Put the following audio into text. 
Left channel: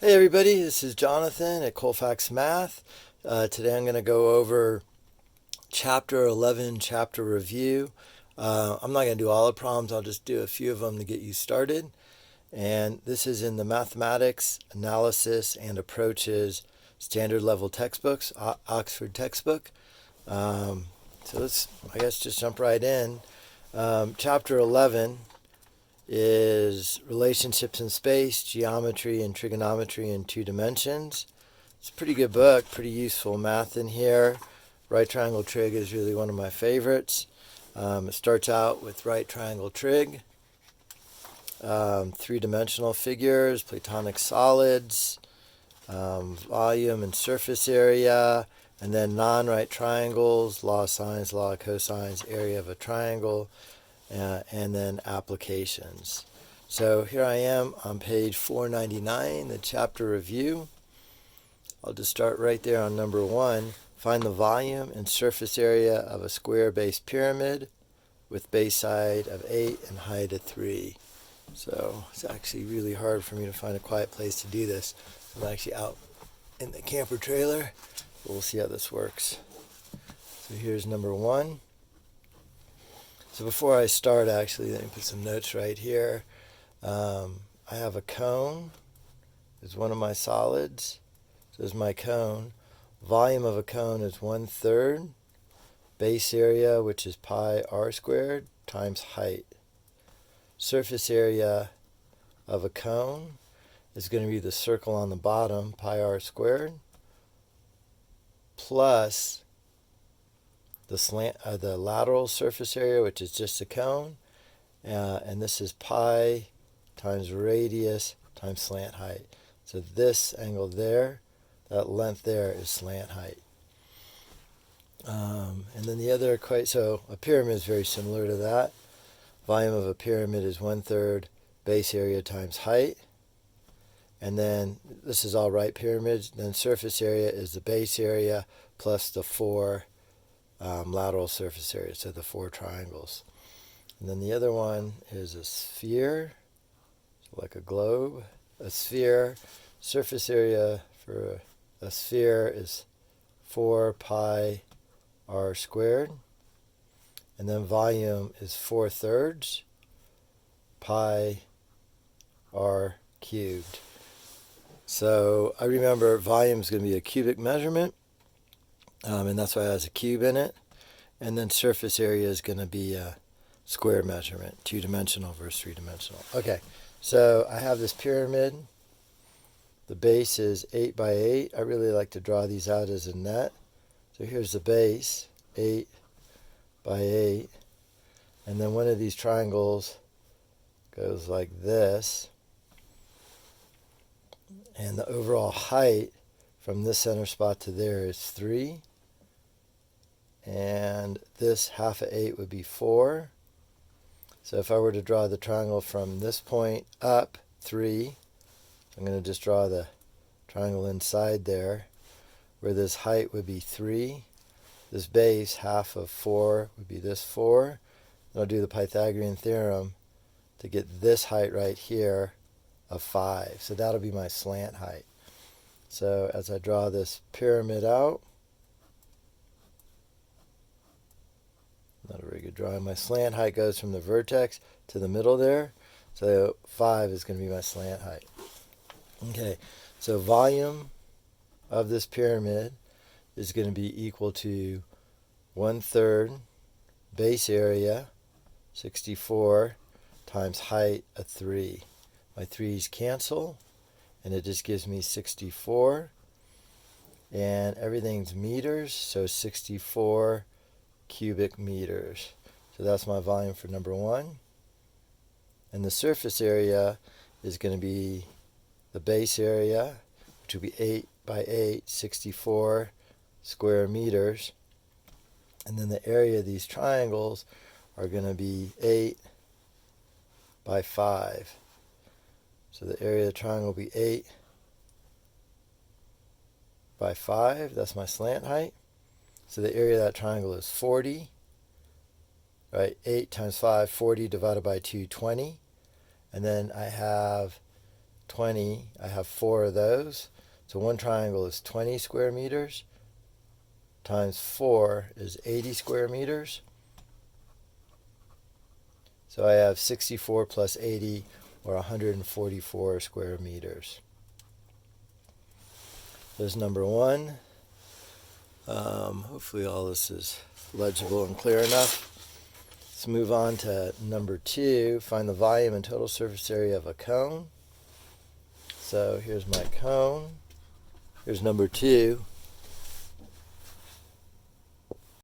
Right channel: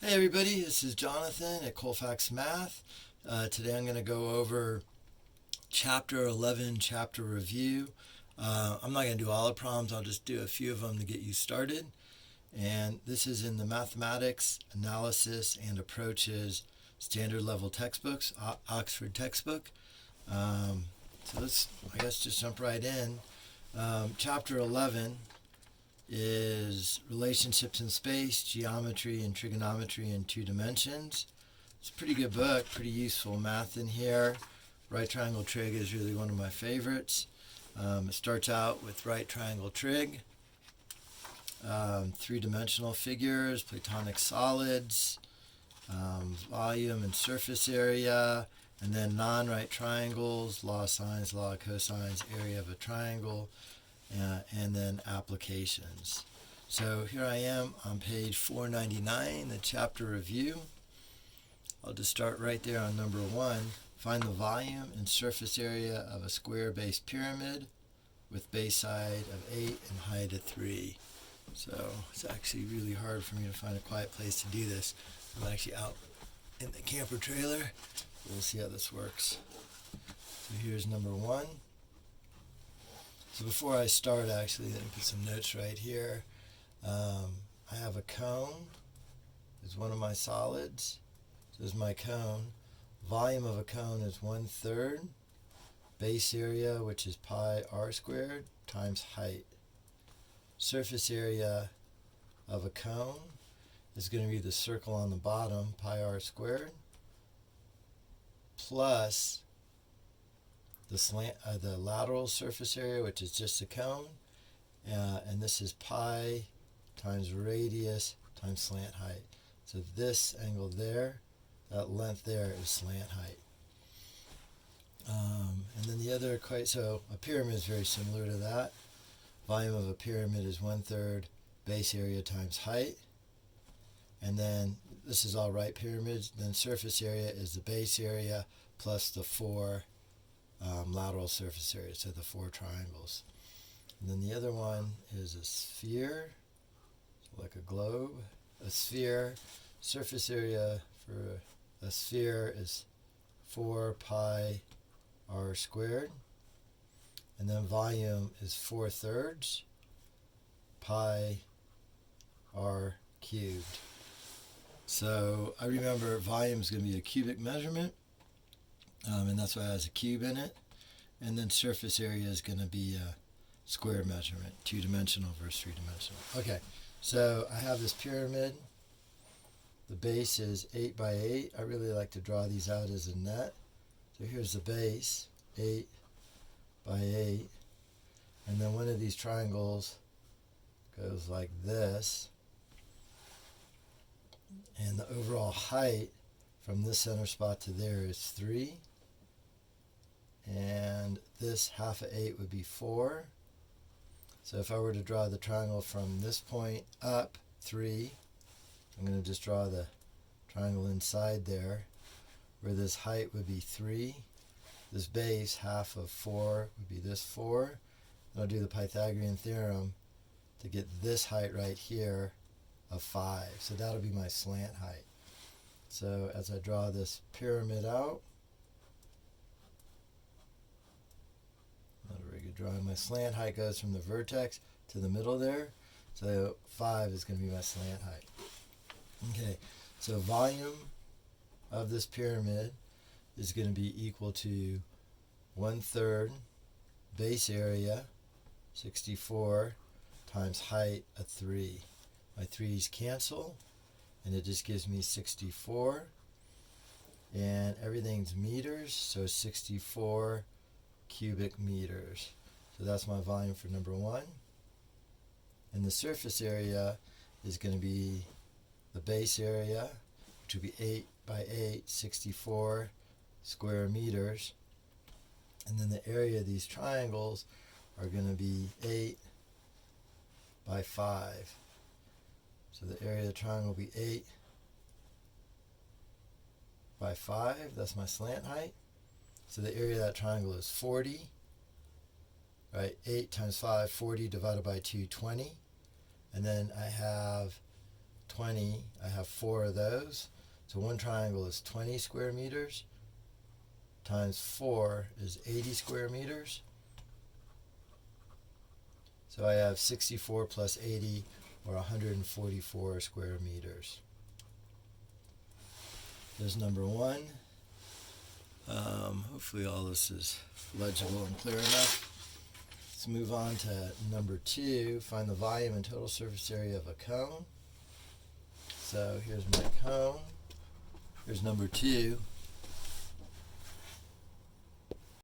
Hey everybody, this is Jonathan at Colfax Math. Today I'm going to go over Chapter 11, Chapter Review. I'm not going to do all the problems, I'll just do a few of them to get you started. And this is in the Mathematics, Analysis, and Approaches Standard Level Textbooks, Oxford textbook. So let's, I guess, just jump right in. Chapter 11 is relationships in space, geometry, and trigonometry in 2 dimensions. It's a pretty good book, pretty useful math in here. Right triangle trig is really one of my favorites. It starts out with right triangle trig, 3-dimensional figures, Platonic solids, volume and surface area, and then non-right triangles, law of sines, law of cosines, area of a triangle, and then applications. So here I am on page 499, the chapter review. I'll just start right there on number 1. Find the volume and surface area of a square base pyramid with base side of 8 and height of 3. So it's actually really hard for me to find a quiet place to do this. So I'm actually out in the camper trailer. We'll see how this works. So here's number 1. So before I start, actually, let me put some notes right here. I have a cone. It's one of my solids. So there's my cone. Volume of a cone is 1/3 base area, which is pi r squared, times height. Surface area of a cone is going to be the circle on the bottom, pi r squared, plus the lateral surface area, which is just a cone, and this is pi times radius times slant height. So this angle there, that length there, is slant height. And then the other equation, so a pyramid is very similar to that. Volume of a pyramid is 1/3 base area times height. And then this is all right pyramids. Then surface area is the base area plus the 4 lateral surface area, so the 4 triangles. And then the other one is a sphere, like a globe. A sphere, surface area for a sphere is 4 pi r squared. And then volume is 4/3 pi r cubed. So I remember volume is going to be a cubic measurement, and that's why it has a cube in it. And then surface area is going to be a square measurement, 2-dimensional versus 3-dimensional. Okay, so I have this pyramid. The base is 8 by 8. I really like to draw these out as a net. So here's the base, 8 by 8. And then one of these triangles goes like this. And the overall height from this center spot to there is 3. And this half of 8 would be 4. So if I were to draw the triangle from this point up 3, I'm going to just draw the triangle inside there, where this height would be 3. This base, half of 4, would be this 4. And I'll do the Pythagorean theorem to get this height right here of 5. So that'll be my slant height. So as I draw this pyramid out, not a very good drawing. My slant height goes from the vertex to the middle there. So 5 is going to be my slant height. Okay, so volume of this pyramid is going to be equal to 1/3 base area, 64, times height of 3. My 3's cancel, and it just gives me 64. And everything's meters, so 64 cubic meters. So that's my volume for number 1. And the surface area is going to be the base area, which will be 8 by 8, 64 square meters. And then the area of these triangles are going to be 8 by 5. So the area of the triangle will be 8 by 5. That's my slant height. So the area of that triangle is 40. Right, 8 times 5, 40 divided by 2, 20. And then I have 20. I have 4 of those. So one triangle is 20 square meters times 4 is 80 square meters. So I have 64 plus 80, or 144 square meters. There's number 1. Hopefully all this is legible and clear enough. Let's move on to number 2. Find the volume and total surface area of a cone. So here's my cone. Here's number 2.